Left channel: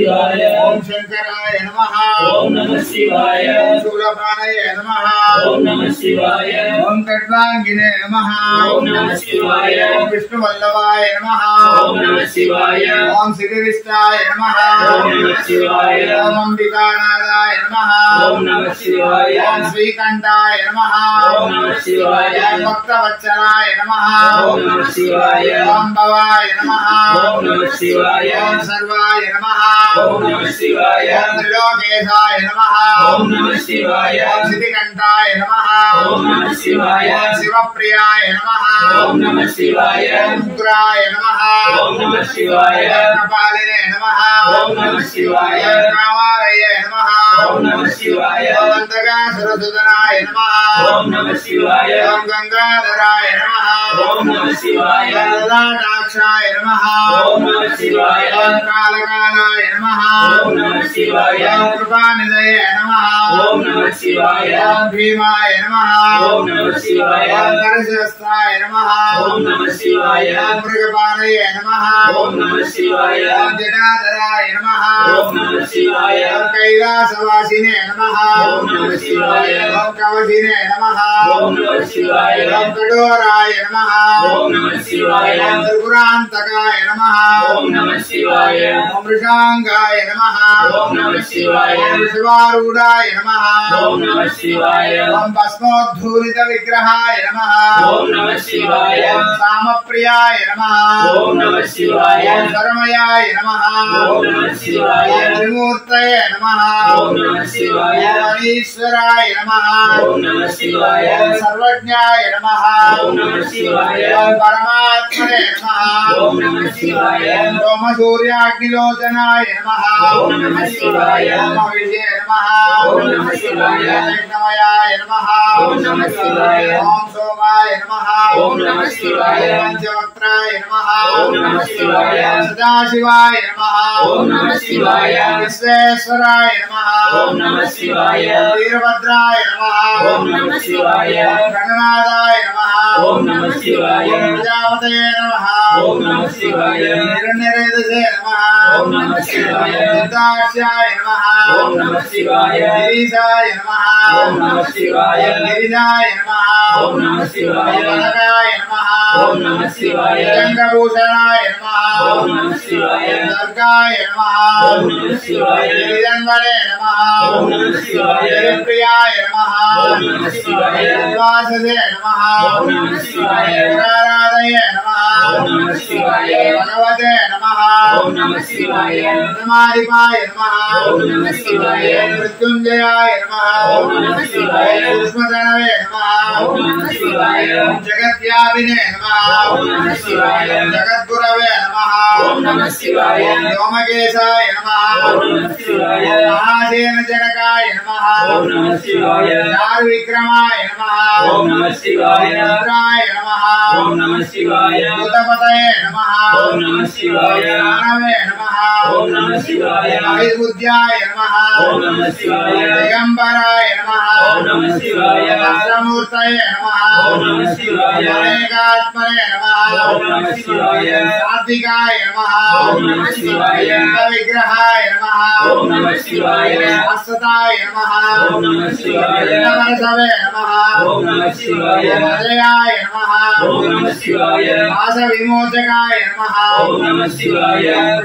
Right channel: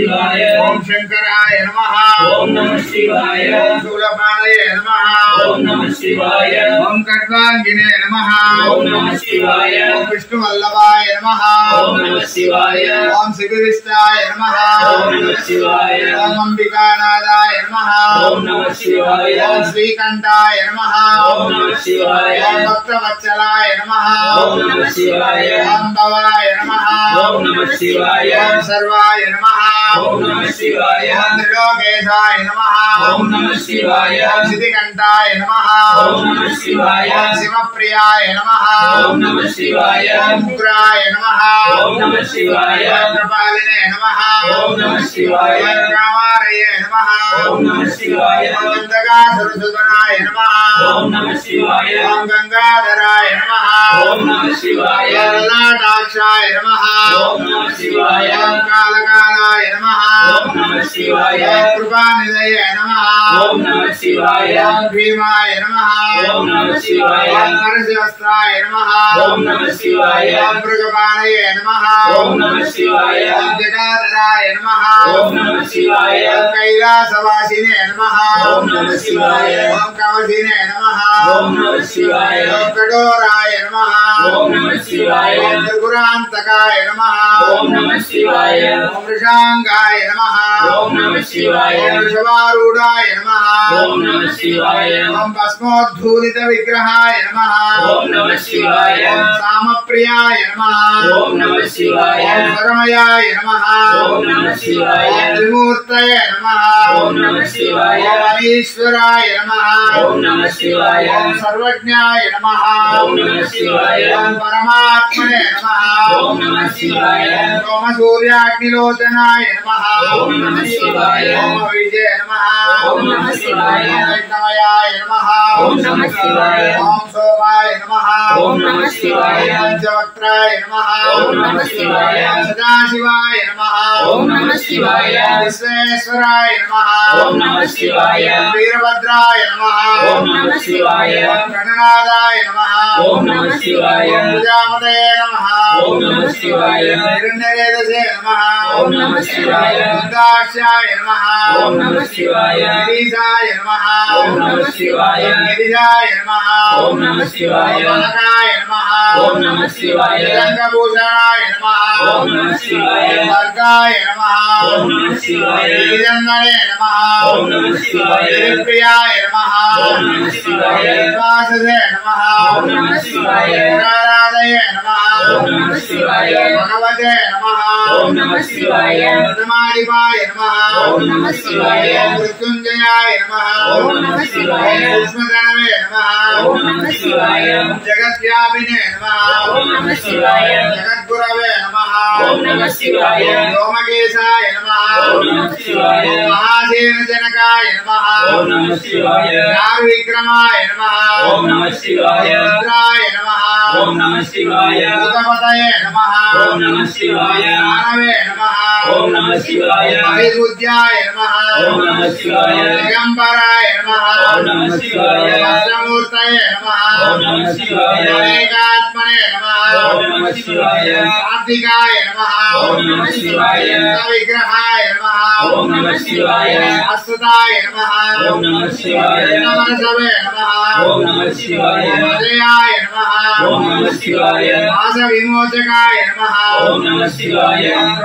शिवाय ओम शंकराय नमः ओम नमः शिवाय ओम शूलपाणये नमः ओम नमः शिवाय ओम खड्गांगिने नमः ओम नमः शिवाय ओम विष्णुवल्लभाय नमः ओम नमः शिवाय ओम शिवविष्टाय नमः ओम नमः शिवाय ओम अंबिकानादाय नमः ओम नमः शिवाय ओम श्रीकंठाय नमः ओम नमः शिवाय ओम भक्तवत्सलाय नमः ओम नमः शिवाय ओम भवाय नमः ओम नमः शिवाय ओम सर्वाय नमः ओम नमः शिवाय ओम त्रिलोकेशाय नमः ओम नमः शिवाय ओम सिद्धिकंठाय नमः ओम नमः शिवाय ओम शिवप्रियाय नमः ओम नमः शिवाय ओम उग्राय नमः ओम नमः शिवाय ओम कपालिने नमः ओम नमः शिवाय ओम कामारये नमः ओम नमः शिवाय ओम अंधकासुरसुदनाय नमः ओम नमः शिवाय ओम गंगाधराय नमः ओम नमः शिवाय ओम ललाटाक्षाय नमः ओम नमः शिवाय ओम कालकालाय नमः ओम नमः शिवाय ओम कृपानिधये नमः ओम नमः शिवाय ओम भीमाय नमः ओम नमः शिवाय ओम नरसिंहस्त्राय नमः ओम नमः शिवाय ओम मृगपाणये नमः ओम नमः शिवाय ओम जटाधराय नमः ओम नमः शिवाय ओम कैलासवासिने नमः ओम नमः शिवाय ओम कवचिने नमः ओम नमः शिवाय ओम कठोराय नमः ओम नमः शिवाय ओम त्रिपुरान्तकाय नमः ओम नमः शिवाय ओम वृषांगाय नमः ओम नमः शिवाय ओम वृषभारूढाय नमः ओम नमः शिवाय ओम भस्मोद्धूलित विग्रहाय नमः ओम नमः शिवाय ओम सामप्रियाय नमः ओम नमः शिवाय ओम परमयाय नमः ओम नमः शिवाय ओम त्रिमूर्तये नमः ओम नमः शिवाय ओम अनीश्वराय नमः ओम नमः शिवाय ओम सर्वज्ञाय नमः ओम नमः शिवाय ओम परमात्मने नमः ओम नमः शिवाय ओम सोमसूर्याग्निलोचनाय नमः ओम नमः शिवाय ओम विजय नमः ओम नमः शिवाय ओम यज्ञमयाय नमः ओम नमः शिवाय ओम सोमाय नमः ओम नमः शिवाय ओम पंचवक्त्राय नमः ओम नमः शिवाय ओम सदाशिवाय नमः ओम नमः शिवाय विश्वेश्वराय नमः ओम नमः शिवाय वीरभद्राय नमः ओम नमः शिवाय ओम गणनाथाय नमः ओम नमः शिवाय ओम प्रजापतये नमः ओम नमः शिवाय हिरण्यरेतसे नमः ओम नमः शिवाय रुद्राक्षाय नमः ओम नमः शिवाय गिरीशाय नमः ओम नमः शिवाय गिरिजाय नमः ओम नमः शिवाय कनकाय नमः ओम नमः शिवाय रंगभूषणाय नमः ओम नमः शिवाय वर्गाय नमः ओम नमः शिवाय गिरिजन्मने नमः ओम नमः शिवाय गिरिप्रियाय नमः ओम नमः शिवाय वाससे नमः ओम नमः शिवाय पुराराधये नमः ओम नमः शिवाय भगवते नमः ओम नमः शिवाय प्रथमाधिपाय नमः ओम नमः शिवाय मृत्युंजयाय नमः ओम नमः शिवाय सूक्ष्मधनवे नमः ओम नमः शिवाय जगद्व्यापिने नमः ओम नमः शिवाय जगद्गुरवे नमः ओम नमः शिवाय व्योमकेशाय नमः ओम नमः शिवाय महासेनजनकाय नमः ओम नमः शिवाय दारुविक्रमाय नमः ओम नमः शिवाय रुद्राय नमः ओम नमः शिवाय भूतपतये नमः ओम नमः शिवाय ज्ञानवे नमः ओम नमः शिवाय हरिबुद्ध्याय नमः ओम नमः शिवाय दिगंबराय नमः ओम नमः शिवाय वस्त्रमूर्तये नमः ओम नमः शिवाय अनेकात्मने नमः ओम नमः शिवाय सात्विकाय नमः ओम नमः शिवाय विग्रहाय नमः ओम नमः शिवाय शाश्वताय नमः ओम नमः शिवाय नमरसवे नमः ओम नमः शिवाय अजयाय नमः ओम नमः शिवाय वासविमोचकाय नमः ओम नमः शिवाय